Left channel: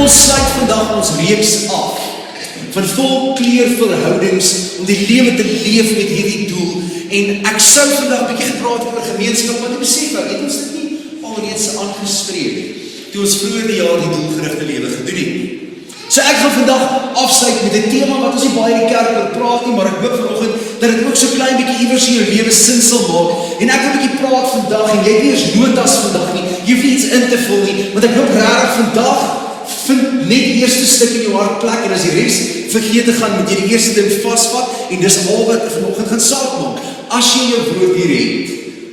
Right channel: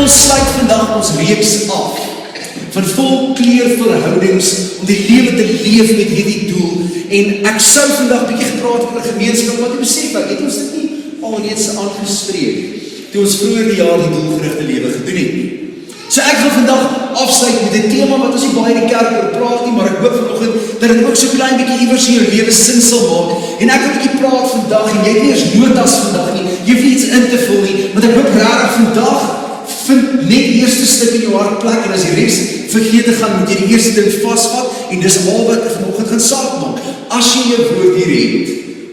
Ons sluit vandag ons reeks af van volkleurverhoudings om die lewe te leef met hierdie doel. En ek sou vandag bietjie gepraat oor gemeenskap, want ek besef het ons dit nie alreeds aangespreek toe ons vroeër die jaar die doelgerigte lewe gedoen het nie. So ek gaan vandag afsluit met 'n tema wat ons nie baie in die kerk oor praat nie, maar ek hoop vanoggend dat dit ook so klein bietjie iewers in jou lewe sin sal maak. En ek wil 'n bietjie praat vandag en jy het nie eens notas vandag nie. Jy hoef iets in te vul nie, want ek hoop regtig vandag vind net die eerste stuk in jou hart plek en as die res vergeet te gaan, moet jy die eerste ding vasvat en dis al wat ek vanoggend gaan saak maak. As jy jou woord hier het,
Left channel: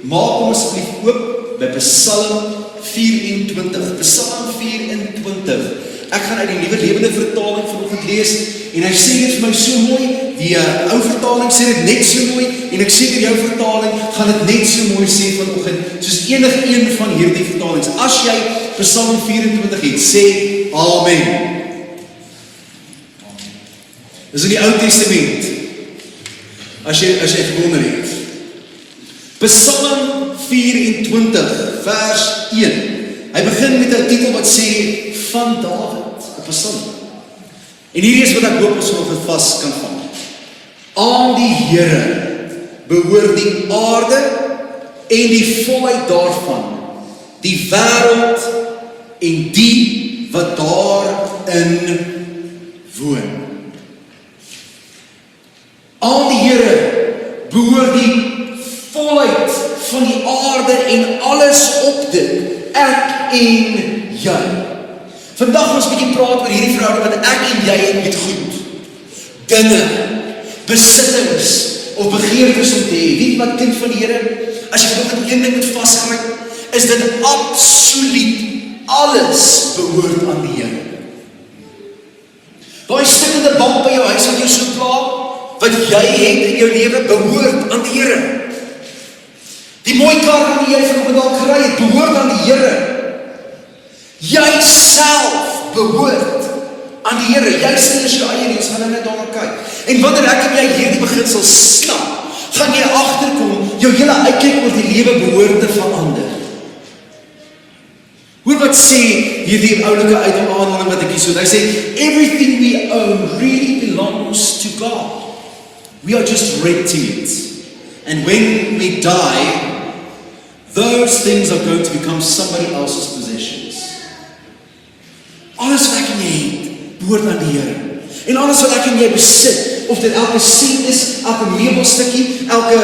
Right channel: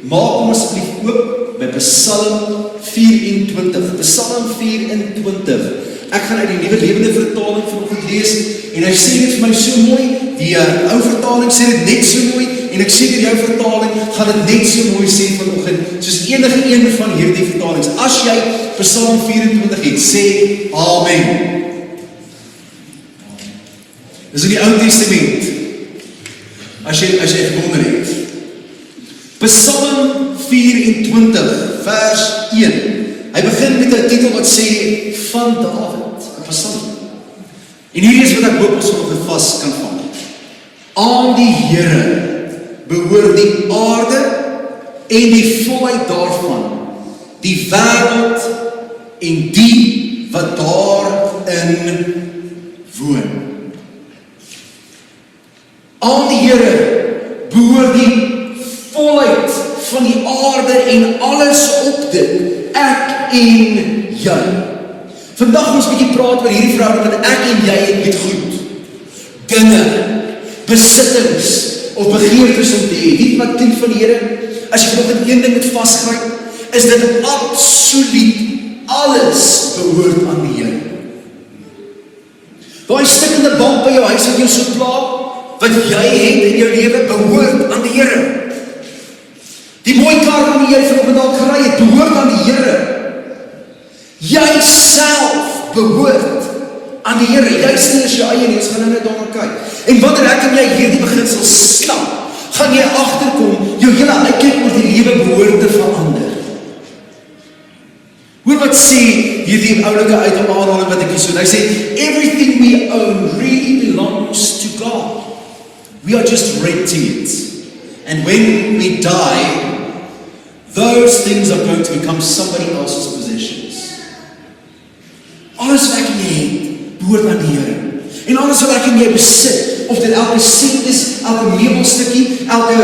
maak hom asseblief oop by Psalm 24. Psalm 24. Ek gaan uit die Nuwe Lewende Vertaling vanoggend lees en hy sê dit vir my so mooi. Die ou vertaling sê dit net so mooi en ek sê vir jou vertaling gaan dit net so mooi sê vanoggend soos enige een van hierdie vertalings. As jy Psalm 24 het, sê Amen. Dis in die Ou Testament. As jy gewonder het. Psalm 24 vers 1. Hy begin met 'n titel wat sê van Dawid, 'n psalm. En hier is wat ek hoop ons op vas kan vang. Aan die Here behoort die aarde en die volheid daarvan, die wêreld en die wat daarin woon. Aan die Here behoort die volheid van die aarde en alles op dit, ek en jy. Vandag ons bietjie praat oor hierdie verhouding wat ek en jy het met goed, dinge, besittings of begeertes om te hê. Weet wat kind van die Here? As jy nog met een ding moet vasgryp, is dit absoluut alles behoort aan die Here. Daai stikkende bank by jou huis wat jou so pla, wat jy het in jou lewe behoort aan die Here. Die mooi kar wat jy vanoggend al gery het, behoort aan die Here. Jy self behoort aan die Here. Jy sien as jou eie reeds gaan nou net daarna kyk. En wanneer ek en jy hierdie beginsel stap, gaan jy agterkom, jou hele uitkyk oor die lewe behoort te verander. Hoor wat sê hierdie oulike uit om aanhaling wat ek hier so, hy sê, everything we own really belongs to God. We are just renting it. And when we die, those things are going to become somebody else's possessions. Alles wat ek en jy het, behoort aan die Here. En alles wat ek en jy besit, of dit elke sent is, elke meubelstukkie, elke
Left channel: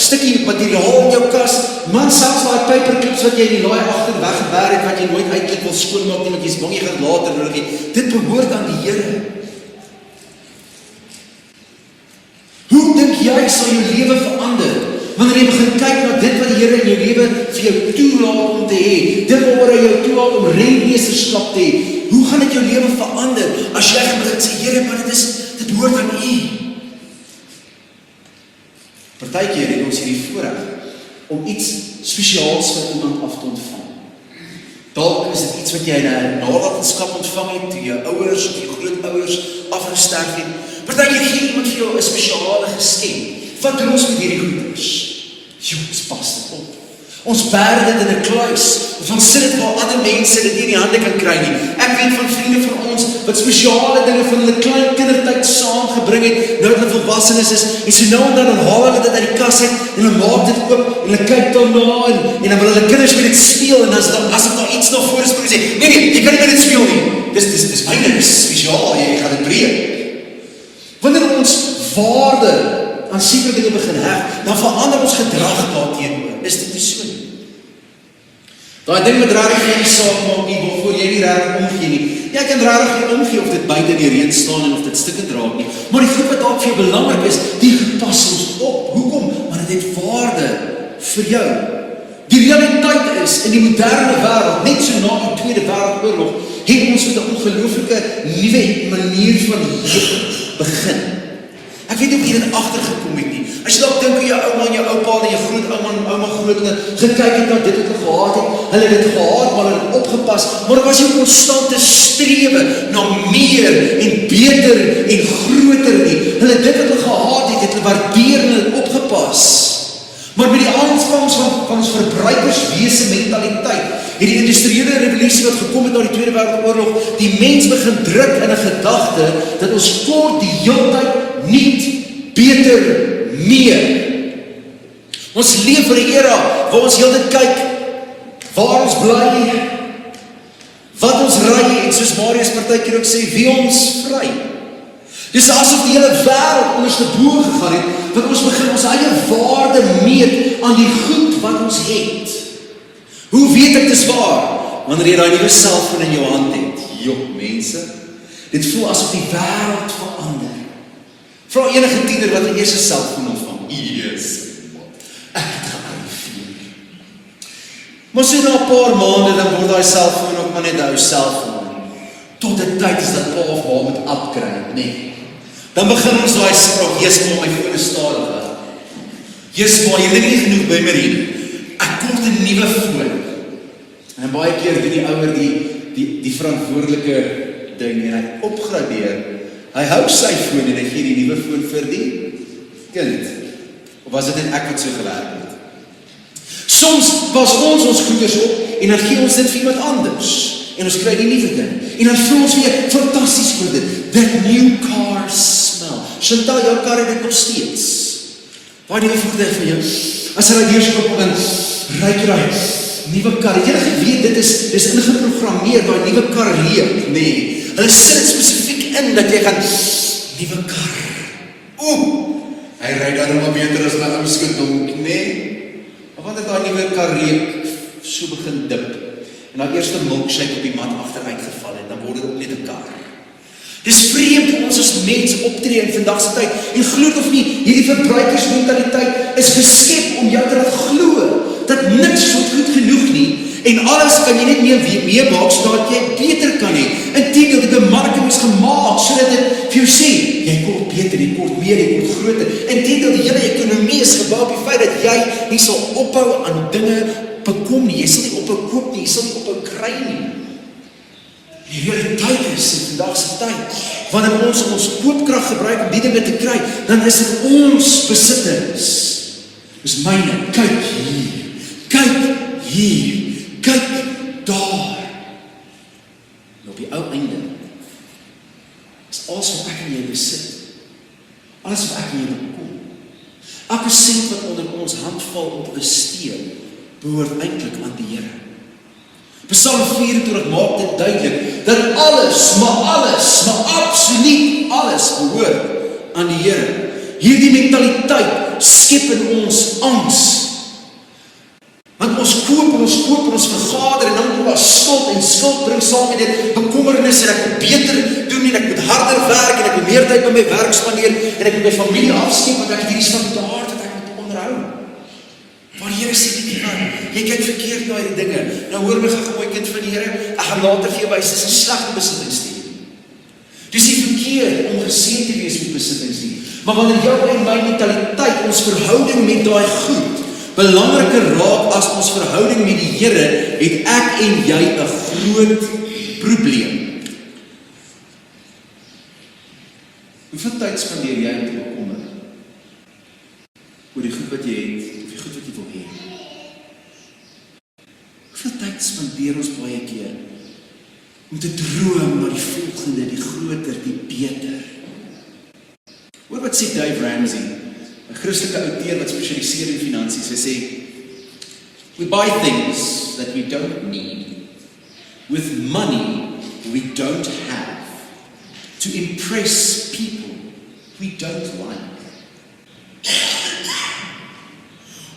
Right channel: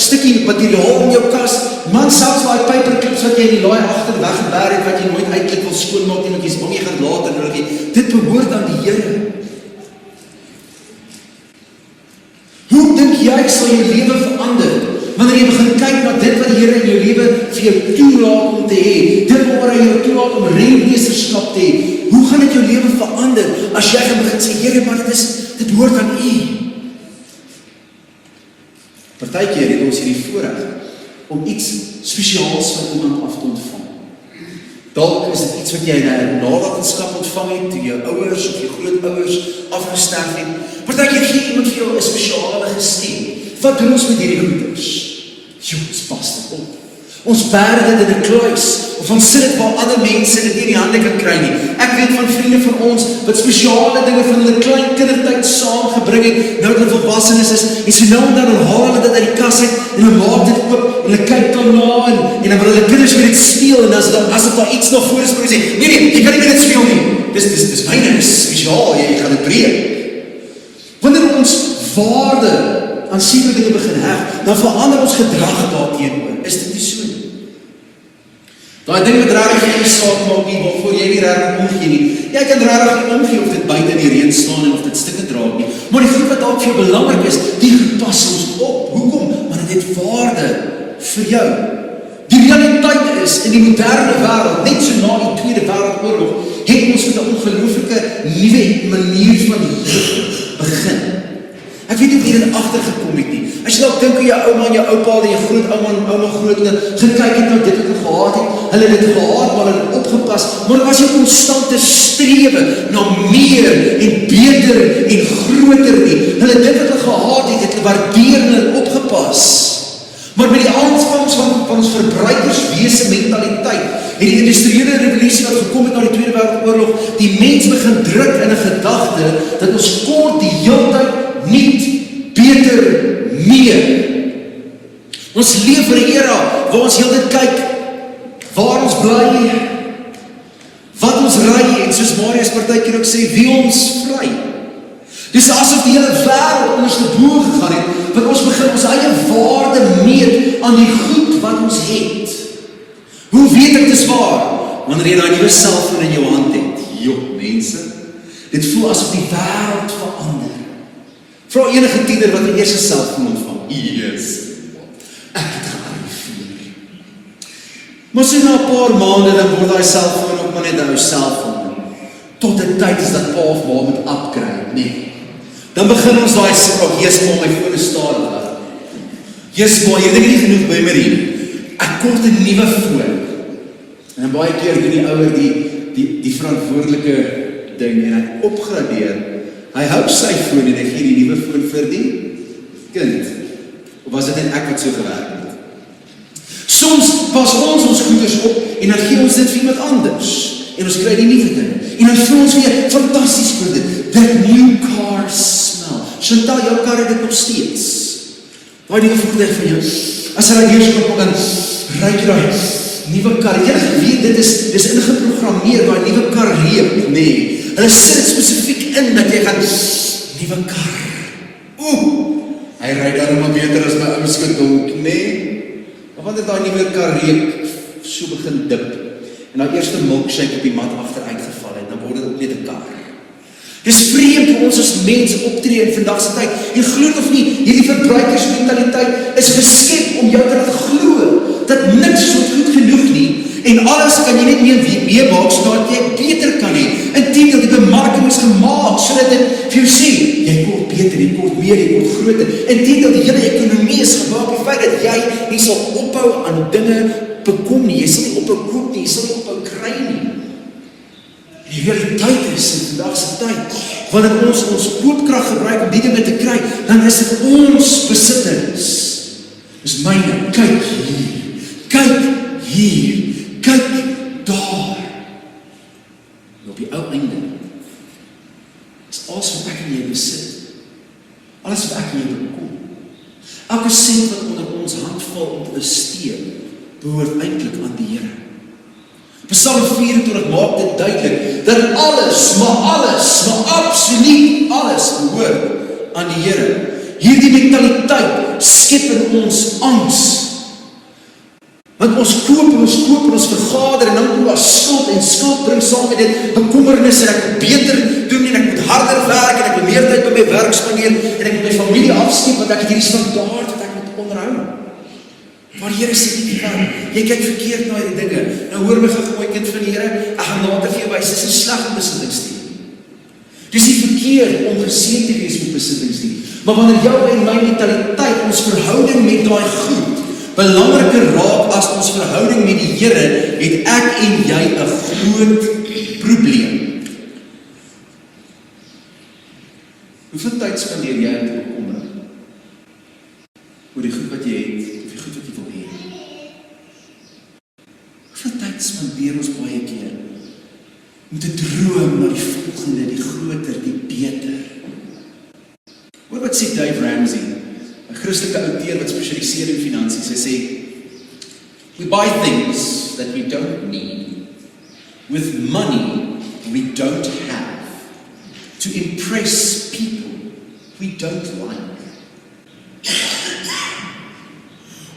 stukkie materiaal in jou kas, man, selfs daai paperclips wat jy in die laai agter weggeberg het, wat jy nooit uitkyk wil skoonmaak nie, want jy's bang jy gaan later nodig hê, dit behoort aan die Here. Hoe dink jy sal jou lewe verander? Wanneer jy begin kyk na dit wat die Here in jou lewe vir jou toelaat om te hê, dit waar hy jou toelaat om rentmeesterskap te hê, hoe gaan dit jou lewe verander as jy gaan begin sê, Here, maar dit hoort aan U. Partykeer het ons hierdie voorreg om iets spesiaals van iemand af te ontvang. Dalk is dit iets wat jy in 'n nalatenskap ontvang het, toe jou ouers of jou grootouers afgesterf het. Partykeer gee iemand vir jou 'n spesiale geskenk. Wat doen ons met hierdie goeders? Ons pas dit op. Ons berg dit in 'n kluis, of ons sit dit waar ander mense dit nie in die hande kan kry nie. Ek weet van vriende van ons, wat spesiale dinge van hulle klein kindertyd saamgebring het, nou dat hulle volwassenes is, en so nou en dan haal hulle dit uit die kas uit, en hulle maak dit oop, en hulle kyk daarna, en dan wil hulle kinders met dit speel, en as daar iets nog voor is, moet jy sê, nee, jy kan nie met dit speel nie. Dis myne, dis spesiaal, jy gaan dit breek. Wanneer ons waarde aan sekere dinge begin heg, dan verander ons gedrag daarteenoor. Is dit nie so nie? Daai ding met regtig nie saak maak nie, waarvoor jy nie regtig omgee nie. Jy kan regtig nie omgee of dit buite in die reën staan en of dit stukke draak nie. Maar die goed wat dalk vir jou belangrik is, die pas ons op. Hoekom? Want dit het waarde vir jou. Die realiteit is, in die moderne wêreld, net so na die Tweede Wêreldoorlog, het ons met 'n ongelooflike nuwe manier van lewe begin. Ek weet nie of jy dit agtergekom het nie. As jy dalk dink hoe jou ouma en jou oupa en jou grootouma en ouma grootouer gekyk het na dit wat hulle gehad het, hulle het dit gehad, maar hulle het opgepas, maar dit was 'n konstante strewe na meer en beter en groter nie. Hulle dit wat hulle gehad het, het hulle waardeer en hulle opgepas. Maar met die aanvangs van ons verbruikerswese mentaliteit, en die industriële revolusie wat ons gekom het na die Tweede Wêreldoorlog, die mens begin druk in 'n gedagte dat ons kort die hele tyd nie beter meer. Ons leef in 'n era waar ons heeltyd kyk waar ons bly, wat ons ry en soos Marius partykeer ook sê, wie ons vry. Dis asof die hele wêreld ondersteboor gegaan het, want ons begin ons eie waarde meet aan die goed wat ons het. Hoe weet ek dis waar? Wanneer jy daai nuwe selfoon in jou hand het. Jop, mense, dit voel asof die wêreld verander. Vra enige tiener wat 'n eerste selfoon ontvang. Yes. Ek het daai vier. Maar so na 'n paar maande dan word daai selfoon ook maar net 'n ou selfoon. Tot die tyd is dat pa of ma moet upgrade, nee. Dan begin ons daai sprong, Jesus, maar my foon is stadig. Jesus, maar jy het nie genoeg memory. Ek kort 'n nuwe foon. En baie keer doen die ouer die verantwoordelike ding en hy opgradeer. Hy hou sy foon en hy gee die nuwe foon vir die kind. Of was dit net ek wat so gewerk het? Soms pas ons goeders op en dan gee ons dit vir iemand anders. En ons kry die nuwe ding. En dan voel ons weer fantasties vir dit. That new car smell. Chantal, jou kar het dit nog steeds. Daai nuwe voertuig van jou. As hy hier so op dan ryk jy nuwe kar. Jy het geweet dit is ingeprogrammeer waar nuwe kar reuk, nee. Hulle sit spesifiek in dat jy gaan nuwe kar. Hy ry darem beter as my ou skindonk, nee. Want dit daai nuwe kar reuk so begin dip. En dan eerste milkshake op die mat agteruit geval en dan word dit ook net 'n kar. Dis vreemd vir ons as mense optree in vandag se tyd. En glo of nie, hierdie verbruikersmentaliteit is geskep om jou te laat glo dat niks so goed genoeg nie en alles kan jy net meemaak sodat jy beter kan hê. Inteendeel, die bemarking is gemaak sodat dit vir jou sê, jy word beter, jy word meer, jy word groter. Inteendeel, die hele ekonomie is gebou op die feit dat jy nie sal ophou aan dinge bekom nie. Jy sal nie ophou koop nie, jy sal nie ophou kry nie. Die realiteit is in vandag se tyd, wanneer ons koopkrag gebruik om die dinge te kry, dan is dit ons besittings. Dis myne, kyk hier, kyk daar. En op die ou einde, is alles wat ek en jy besit, alles wat ek en jy bekom, elke sent wat onder ons hand val om te bestee, behoort eintlik aan die Here. Psalm 24 maak dit duidelik, dat alles, maar absoluut alles behoort aan die Here. Hierdie mentaliteit skep in ons angs. Want ons koop, ons vergader en dan doen ons skuld bring saam met dit bekommernis en ek moet beter doen en ek moet harder werk en ek moet meer tyd by my werk spandeer en ek moet my familie afskep want ek het hierdie standaard wat ek moet onderhou. Maar die Here sê nie van, jy kyk verkeerd na die dinge. Nou hoor my gegooi kind van die Here, ek gaan later vir jou wys, dis 'n slegte besittings. Dis nie verkeerd om geseën te wees met besittings nie. Maar wanneer jou en my mentaliteit, ons verhouding met daai goed belangriker raak as ons verhouding met die Here, het ek en jy 'n groot probleem. Hoeveel tyd spandeer jy om te bekommer oor die goed wat jy het, of die goed wat jy wil hê? Hoeveel tyd spandeer ons baie keer om te droom na die volgende, die groter, die beter? Hoor wat sê Dave Ramsey, 'n Christelike outeur wat spesialiseer in finansies. Hy sê, we buy things that we don't need with money we don't have to impress people we don't like.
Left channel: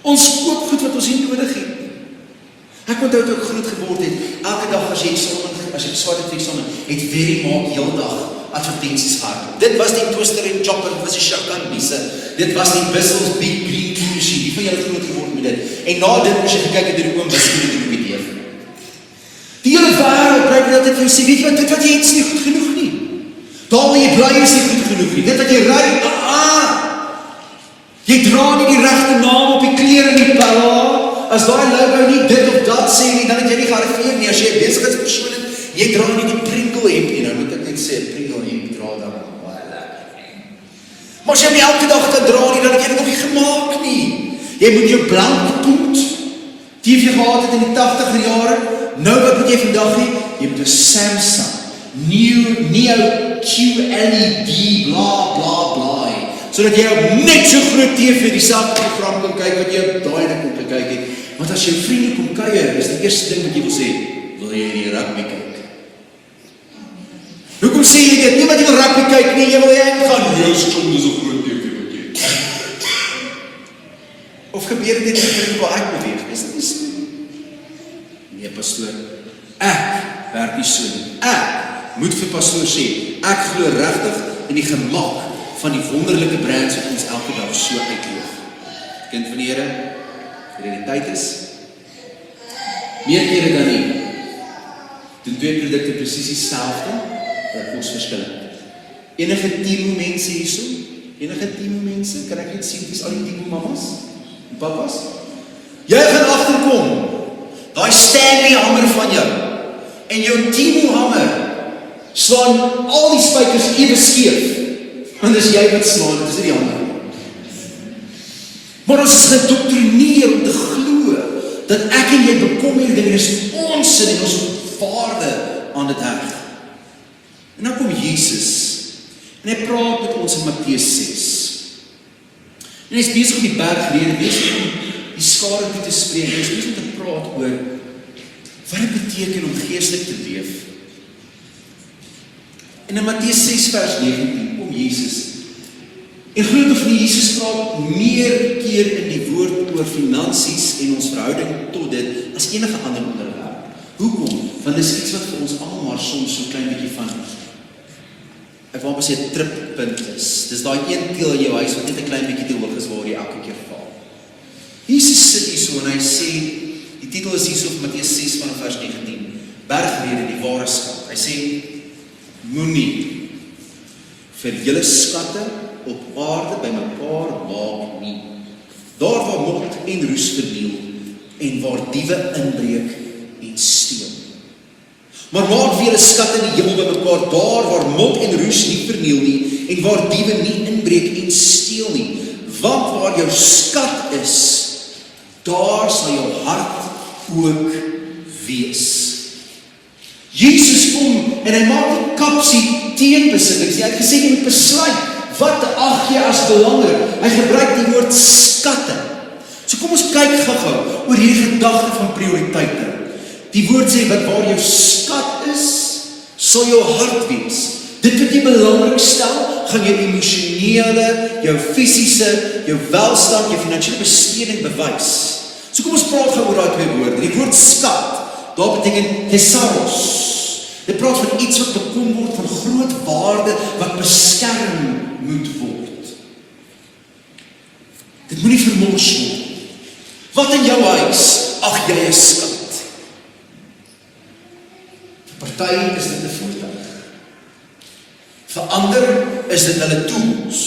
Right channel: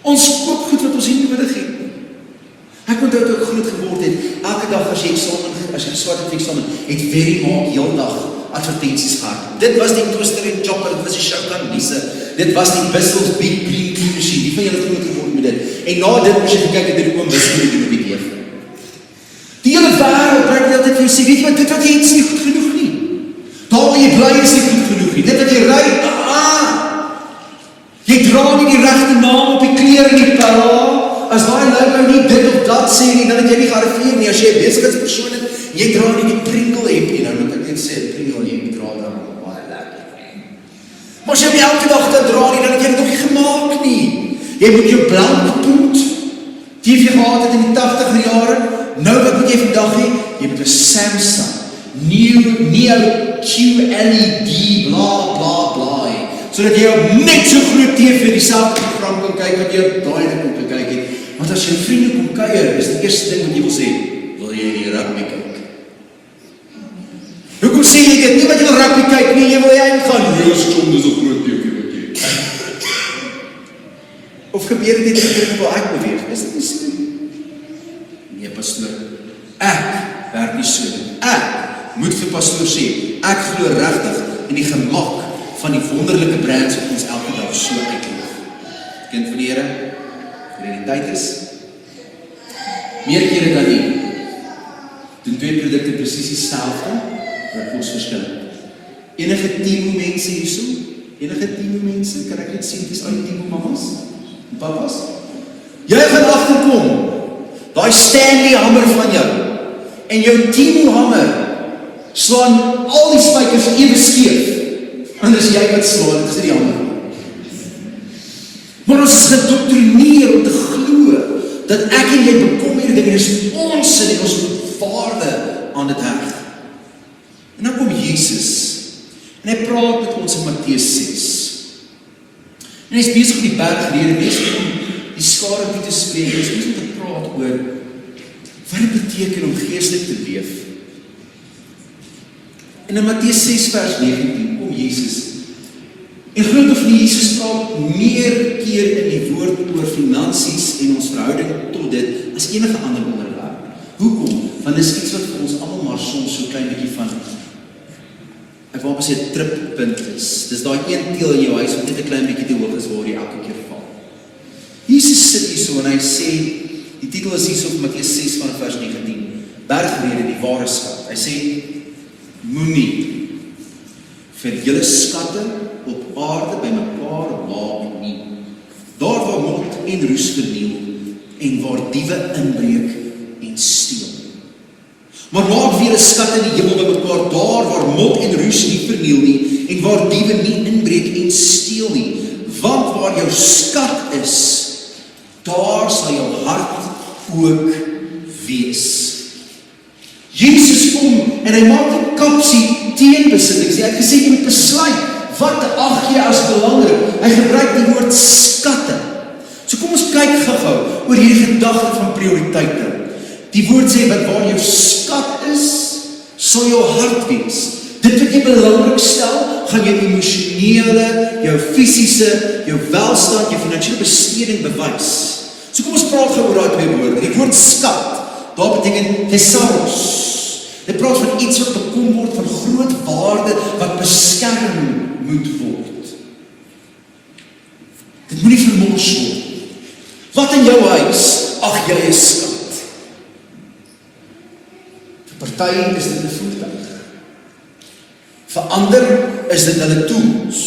Ons koop goed wat ons nie nodig het. Ek onthou toe ek groot geword het, elke dag as jy swart het eksamen, het Verymark heel dag advertensies gehad. Dit was die toaster en chopper, dit was die Chacun-biese, dit was die Bissell's Big Green Tea Machine, die van julle groot geword met dit. En na dit moes jy gekyk het die oom Bissell met die BDF. Die hele wêreld bring dit altyd vir jou sê, weet jy wat, dit wat jy het is nie goed genoeg nie. Daar waar jy bly is nie goed genoeg nie. Dit wat jy ry, jy dra nie die regte naam op die klere nie, as daar nou nie dit of dat sê nie, dan het jy nie gearriveer nie. As jy 'n besigheidspersoon het, jy dra nie die Pringle hempie, dan moet ek net sê, Pringle hempie dra dan. Maar as jy nie elke dag dit dra nie, dan het jy dit nog nie gemaak nie. Jy moet jou blank poet, die jy gehad het in die 80er jare, nou wat moet jy vandag dag hê, jy moet 'n Samsung, Neo QLED, bla bla bla hê, sodat jy op net so groot TV dieselfde program kan kyk wat jy op daai ding om te kyk het. Want as jy vriende kom kuier, is die eerste ding wat jy wil sê, wil jy die rugby kyk? Hoekom sê jy dit? Nie wat jy wil rugby kyk nie, jy wil gaan, Roos kom, dis 'n groot TV wat jy. Of gebeur dit net as jy wil uitbeweeg? Is dit nie so? Nee, pastoor, ek werk nie so nie. Ek moet vir pastoor sê, ek glo regtig in die gemak van die wonderlike brands wat ons elke dag so uitleef. Kind van die Here, realiteit is, meer kere dan nie, doen twee produkte presies dieselfde, dat ons verskil. Enige 10 mense hierso, enige 10 mense, kan ek net sien, dis al die 10 mamas en papas. Jy gaan agterkom, daai Stanley hamer van jou, en jou Timo hamer, slaan al die spykers ewe skeef, en dis jy wat slaan, dis die hamer. Maar ons is gedoktrineer om te glo, dat ek en jy bekom hier, dit is ons sin en ons waarde aan dit heg. En dan kom Jesus, en hy praat met ons in Matteus 6. En hy is besig op die bergrede, besig om die skare nie te spreek, hy is besig om te praat oor, wat het beteken om geestelik te leef. En in Matteus 6 vers 19 kom Jesus, en glo of nie, Jesus praat meer keer in die woord oor finansies en ons verhouding tot dit, as enige ander onderwerp. Hoekom? Want dit is iets wat vir ons almal maar soms so klein bietjie van ek wil sê trippunt is. Dis daai een teel in jou huis wat net 'n klein bietjie te hoog is waar jy elke keer val. Jesus sit hier so en hy sê, die titel is hier op Matteus 6 van vers 19, bergrede, die ware skat. Hy sê, moenie vir julle skatte op aarde by mekaar maak nie. Daar waar mot en roes verniel en waar diewe inbreek en steel. Maar maak vir julle skatte in die hemel by mekaar, daar waar mot en roes nie verniel nie en waar diewe nie inbreek en steel nie. Want waar jou skat is, daar sal jou hart ook wees. Jesus kom en hy maak 'n kapsie teen besittings. Hy het gesê jy besluit, wat ag jy as belangrik? Hy gebruik die woord skatte. So kom ons kyk gou-gou oor hierdie gedagte van prioriteite. Die woord sê dat waar jou skat is, sal jou hart wees. Dit wat jy belangrik stel, gaan jou emosionele, jou fisiese, jou welstand, jou finansiële besteding bewys. So kom ons praat gou oor daai twee woorde. Die woord skat, daar beteken thesaurus. Dit praat van iets wat bekom word van groot waarde wat beskerm moet word. Dit moet nie vermors word. Wat in jou huis, ag jy is skat. Vir party is dit 'n voertuig. Vir ander is dit hulle tools.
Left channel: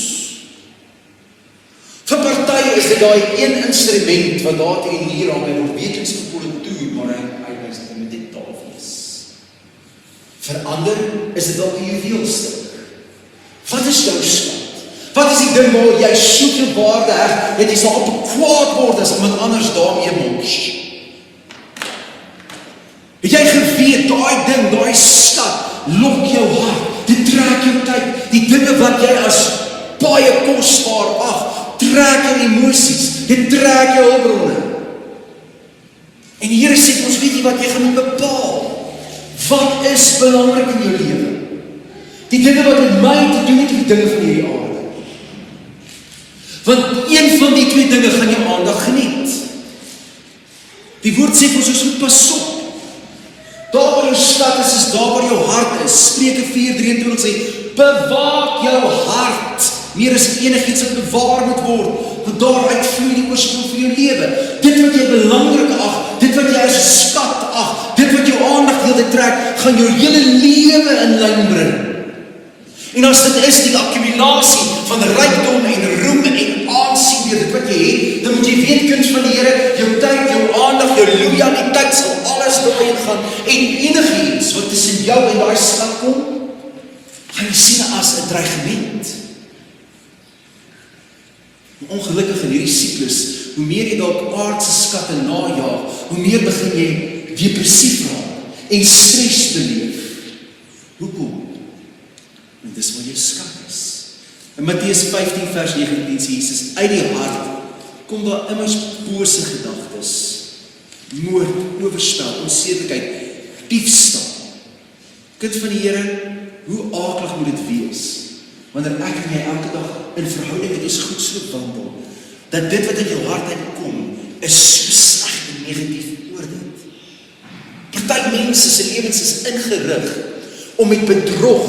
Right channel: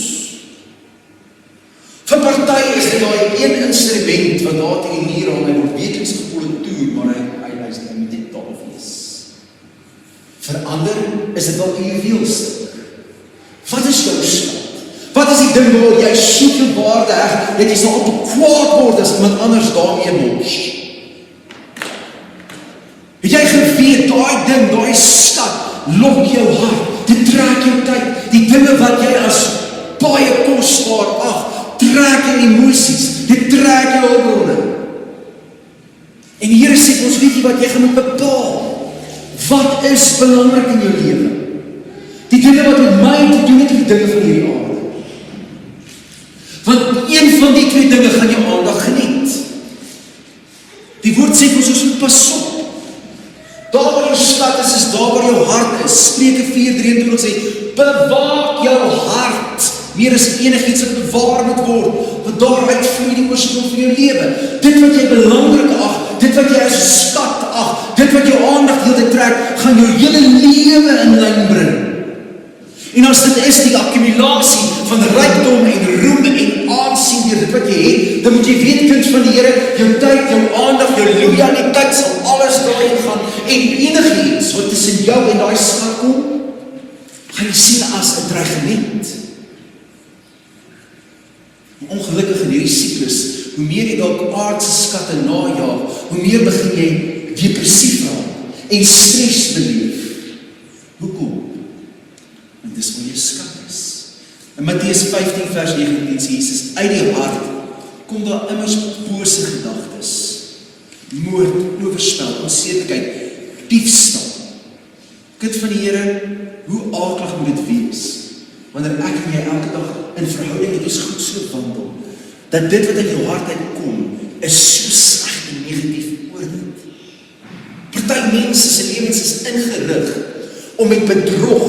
Vir party is dit daai een instrument wat daar teen die muur hang en op weekliks gepolitoer, maar hy is nie dit taal wees. Vir ander is dit dalk 'n juweelstuk. Wat is jou skat? Wat is die ding waar jy soveel waarde heg, dat jy sal op kwaad word as iemand anders daarmee mors? Het jy geweet, daai ding, daai skat, lok jou hart, dit trek jou tyd, die dinge wat jy as baie kosbaar ag, trek jou emosies, dit trek jou hulpbronne. En die Here sê vir ons, weet jy wat, jy gaan moet bepaal, wat is belangrik in jou lewe? Die dinge wat met my te doen het, die dinge van hierdie aarde. Want een van die twee dinge gaan jou aandag geniet. Die woord sê vir ons moet pas op. Daar waar jou skat is daar waar jou hart is. Spreuke 4:23 sê, bewaak jou hart, meer as enigiets wat bewaar moet word, want daaruit vloei die oorsprong van jou lewe. Dit wat jy belangrik ag, dit wat jy as skat ag, dit wat jou aandag wil trek, gaan jou hele lewe in lyn bring. En as dit is die akkumulasie van rykdom en roem en aansien deur dit wat jy het, dan moet jy weet, kind van die Here, jou tyd, jou aandag, jou loyaliteit sal alles daarin gaan. En enigiets wat tussen jou en daai skat kom, gaan jy sien as 'n dreigement. Ongelukkig in hierdie siklus, hoe meer jy dalk aardse skatte najaag, hoe meer begin jy depressief raak. en stres beleef. Hoekom? Want dis waar jou skat is. In Matteus 15 vers 19 sê Jesus, uit die hart kom daar immers bose gedagtes, moord, oorspel, onsedelikheid, diefstal. Kind van die Here, hoe aaklig moet dit wees, wanneer ek en jy elke dag in verhouding met iets goed so wandel, dat dit wat in jou hart uitkom, is so sleg en negatief oor dit. Party mense se lewens is ingerig om met bedrog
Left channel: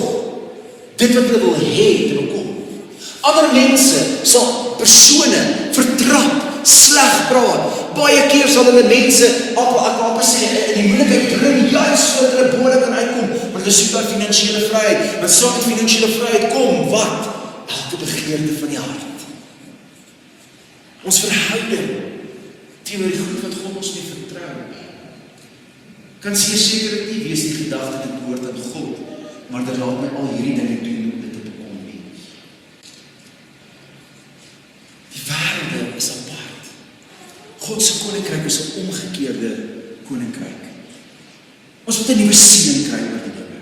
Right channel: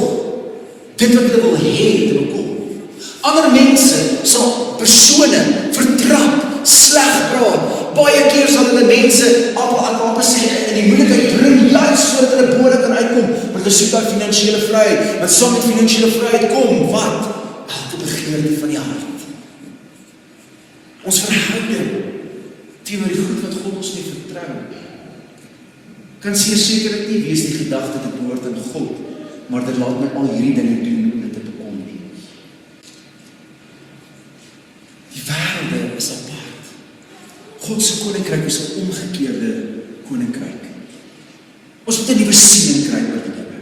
dit wat hulle wil hê te bekom. Ander mense sal persone vertrap, sleg praat. Baie keer sal hulle mense op sê in die moeilikheid bring juist sodat hulle boorde kan uitkom, want hulle soek daar finansiële vryheid. Want saam met finansiële vryheid kom wat? Elke begeerte van die hart. Ons verhouding teenoor die goed wat God ons nie vertrou, kan sekerlik nie wees die gedagte te behoort aan God, maar dit laat my al hierdie dinge doen om dit te bekom nie. Die wêreld is apart. God se koninkryk is 'n omgekeerde koninkryk. Ons moet 'n nuwe siening kry oor die dinge.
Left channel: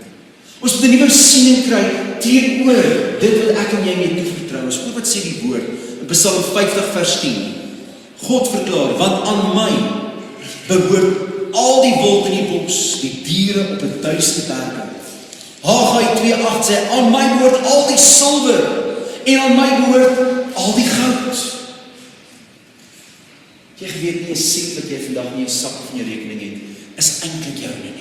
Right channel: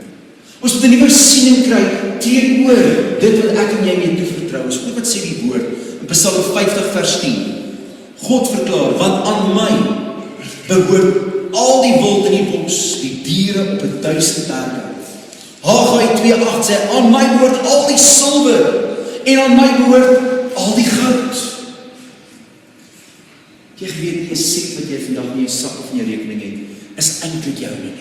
Ons moet 'n nuwe siening kry teenoor dit wat ek en jy mee toevertrou is. Wat sê die woord in Psalm 50 vers 10? God verklaar, want aan my behoort al die wild in die bos, die diere op die duiste berge. Haggai 2:8 sê, aan my behoort al die silwer en aan my behoort al die goud. Jy weet nie 'n sent wat jy vandag nie 'n sak of in jou rekening het, is eintlik jou nie.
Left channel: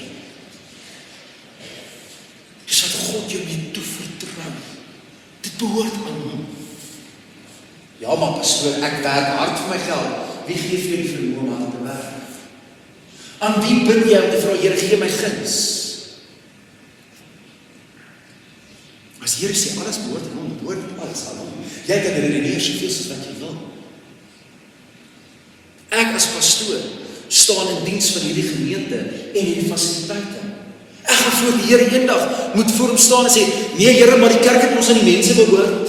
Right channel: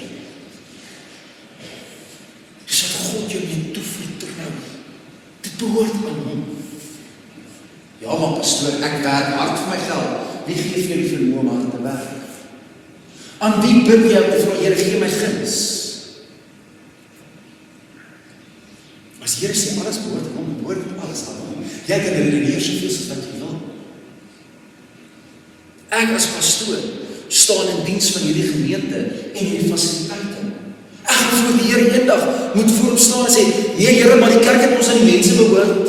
Dis wat God jou net toevertrou. Dit behoort aan hom. Ja, maar pastoor, ek werk hard vir my geld. Wie gee vir die vermoë om aan te werk? Aan wie bid jy om te vra, Here, gee my guns? As Here sê alles behoort aan hom, behoort alles aan hom. Jy kan redeneer soveel soos wat jy wil. Ek as pastoor staan in diens van hierdie gemeente en hierdie fasiliteite. Ek gaan voor die Here eendag moet voor hom staan en sê, nee Here, maar die kerk het ons aan die mense behoort.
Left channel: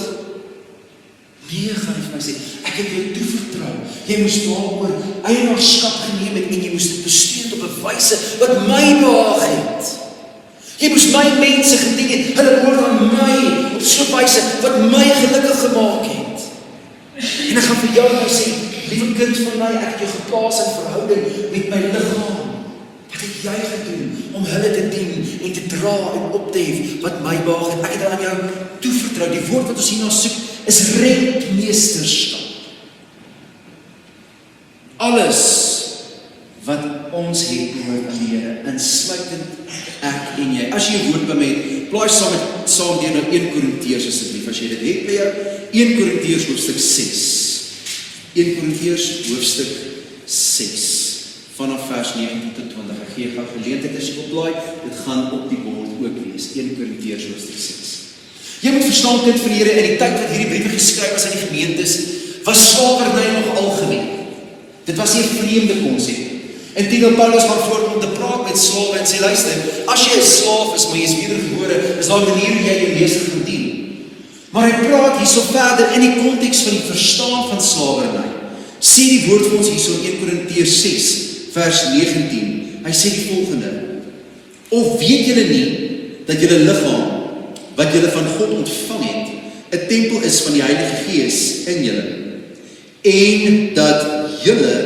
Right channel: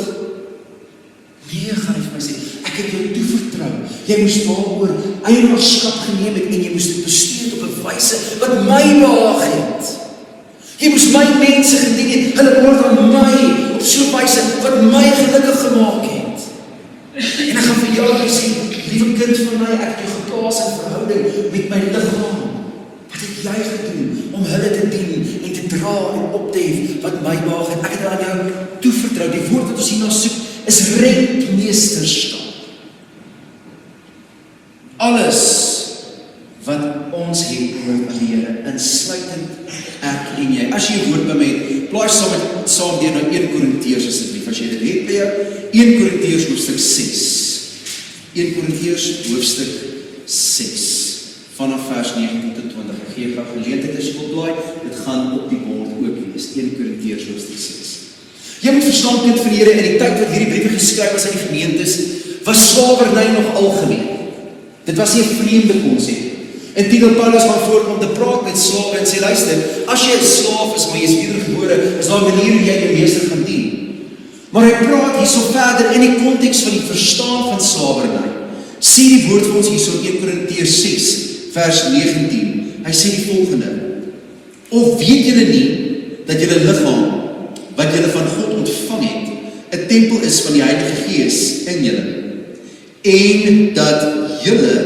Nee, gaan hy vir my sê, ek het jou toevertrou. Jy moes daaroor eienaarskap geneem het en jy moes dit bestuur op 'n wyse wat my behaag het. Jy moes my mense gedien het, hulle behoort aan my op so 'n wyse wat my gelukkig gemaak het. En ek gaan vir jou sê, lieve kind van my, ek het jou geplaas in verhouding met my liggaam. Wat het jy gedoen om hulle te dien en te dra en op te hef wat my behaag het? Ek het aan jou toevertrou. Die woord wat ons hierna soek is rentmeesterskap. Alles wat ons het behoort aan die Here, insluitend ek en jy. As jy 'n woord by my het, plaai saam deur na 1 Korintiërs asseblief, as jy dit het by jou, 1 Korintiërs hoofstuk 6. 1 Korintiërs hoofstuk 6, vanaf vers 19 tot 20. Ek gee jou geleentheid as jy wil blaai, dit gaan op die bord ook wees. 1 Korintiërs hoofstuk 6. Jy moet verstaan, kind van die Here, in die tyd wat hierdie briewe geskryf is aan die gemeentes, was slawerny nog algemeen. Dit was nie 'n vreemde konsep. Intien Paulus gaan voort om te praat met slawe en sê, luister, as jy 'n slaaf is, maar jy is wedergebore, is daar 'n manier hoe jy jou meester gaan dien. Maar hy praat hierso verder in die konteks van die verstaan van slawerny. Sê die woord vir ons hierso in 1 Korintiërs 6, vers 19. Hy sê die volgende: of weet julle nie dat julle liggaam wat julle van God ontvang het, 'n tempel is van die Heilige Gees in julle, en dat julle